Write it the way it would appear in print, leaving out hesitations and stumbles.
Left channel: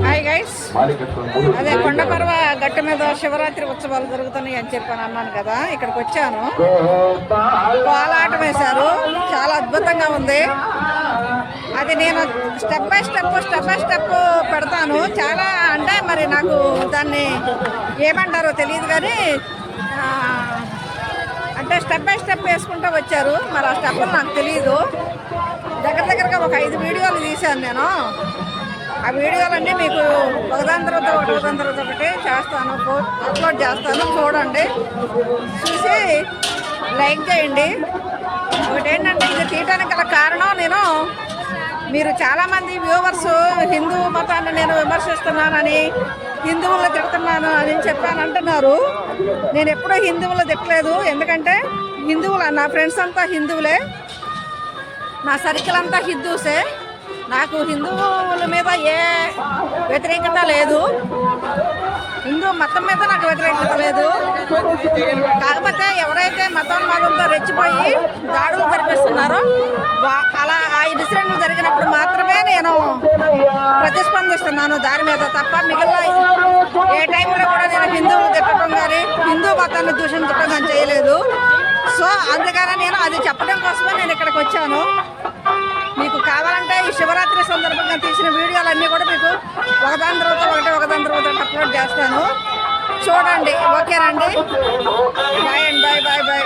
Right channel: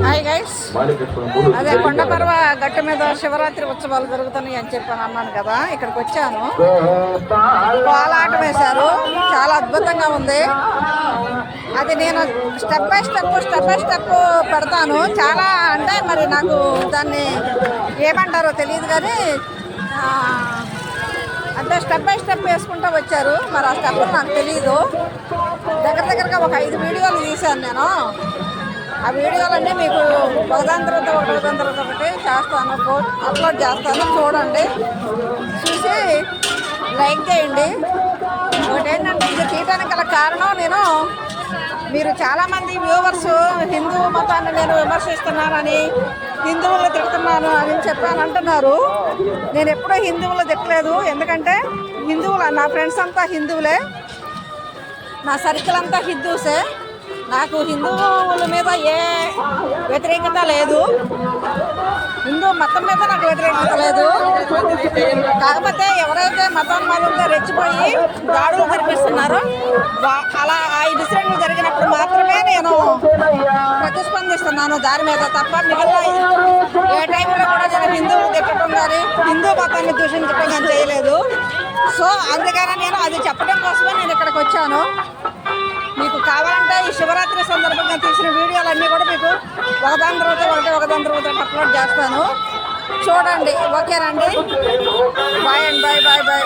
Hi guys, అదే కొండపర్వ గట్టు మీద శివరాత్రి ఉత్సవాలు జరుగుతున్నాయి అని చెప్పాను అన్నాను కదా. ఇక్కడికి వచ్చాను, కోలాటం వేశారు, చాలా అద్భుతంగా ఉంది. అది నేను స్టెప్ బై స్టెప్ పెడతాను. చాలా అంటే మరి నాకు దాన్ని ఏమంటారో తెలియదు కానీ అంటే స్టెప్ బై స్టెప్ వేసుకుంటూ వచ్చారు. మరి ఆ స్టెప్పులు నాకు తెలియదు. దగ్గరగా ఒక 5 వీడియోలు తీశాను నేను. ఆ వీడియోలన్నీ మీకు ఒకదాని తర్వాత ఒకటి చేస్తాను, అప్లోడ్ చేస్తాను. చూడండి, చూసి లైక్ చేయండి. ఒకటేంటంటే ఇది తీయడానికి గల కారణం, మీరు చాలామంది వ్యూవర్స్ హిందూ మతాన్ని నేను విమర్శిస్తున్నానని, హిందువులు తిడుతున్నాను అని చెప్పాను అంటున్నారు. నేను ఎప్పుడూ హిందువులు తిట్టలేదు. ఎందుకంటే నా ఫ్రెండ్స్ అంతా హిందువులే, నా సర్కిల్ అంతా హిందూసే. నాకు హిందువుల మీద ఏ వ్యతిరేకత లేదు, హిందూ మతం మీద నాకు వ్యతిరేకత లేదు. కాకపోతే ఎవరైతే మతంతో రెచ్చిపోయి దాడులు జరిపిస్తున్నారో అలా ఆ ఇన్సిడెంట్లు జరిగినప్పుడు మాత్రమే నేను ప్రతిస్పందిస్తున్నాను దాని మీద. తప్ప మిగిలిన ఏ టైంలో కూడా నేను హిందువులు తిట్టడం కానీ హిందూ మతాన్ని దూషించడం కానీ చేయలేదు. సో అందుకని నేను అది చెప్పడం కోసమే నేను ఇక్కడికి వచ్చాను. మీకు కావాలంటే ఈ శివరాత్రి సందర్భంగా తీసిన వీడియోలన్నీ కూడా మీకు ఒకదాని తర్వాత ఒకటి అప్లోడ్ చేస్తాను. చూడండి, ఓకేనండి. బాయ్ అండి, బాయ్.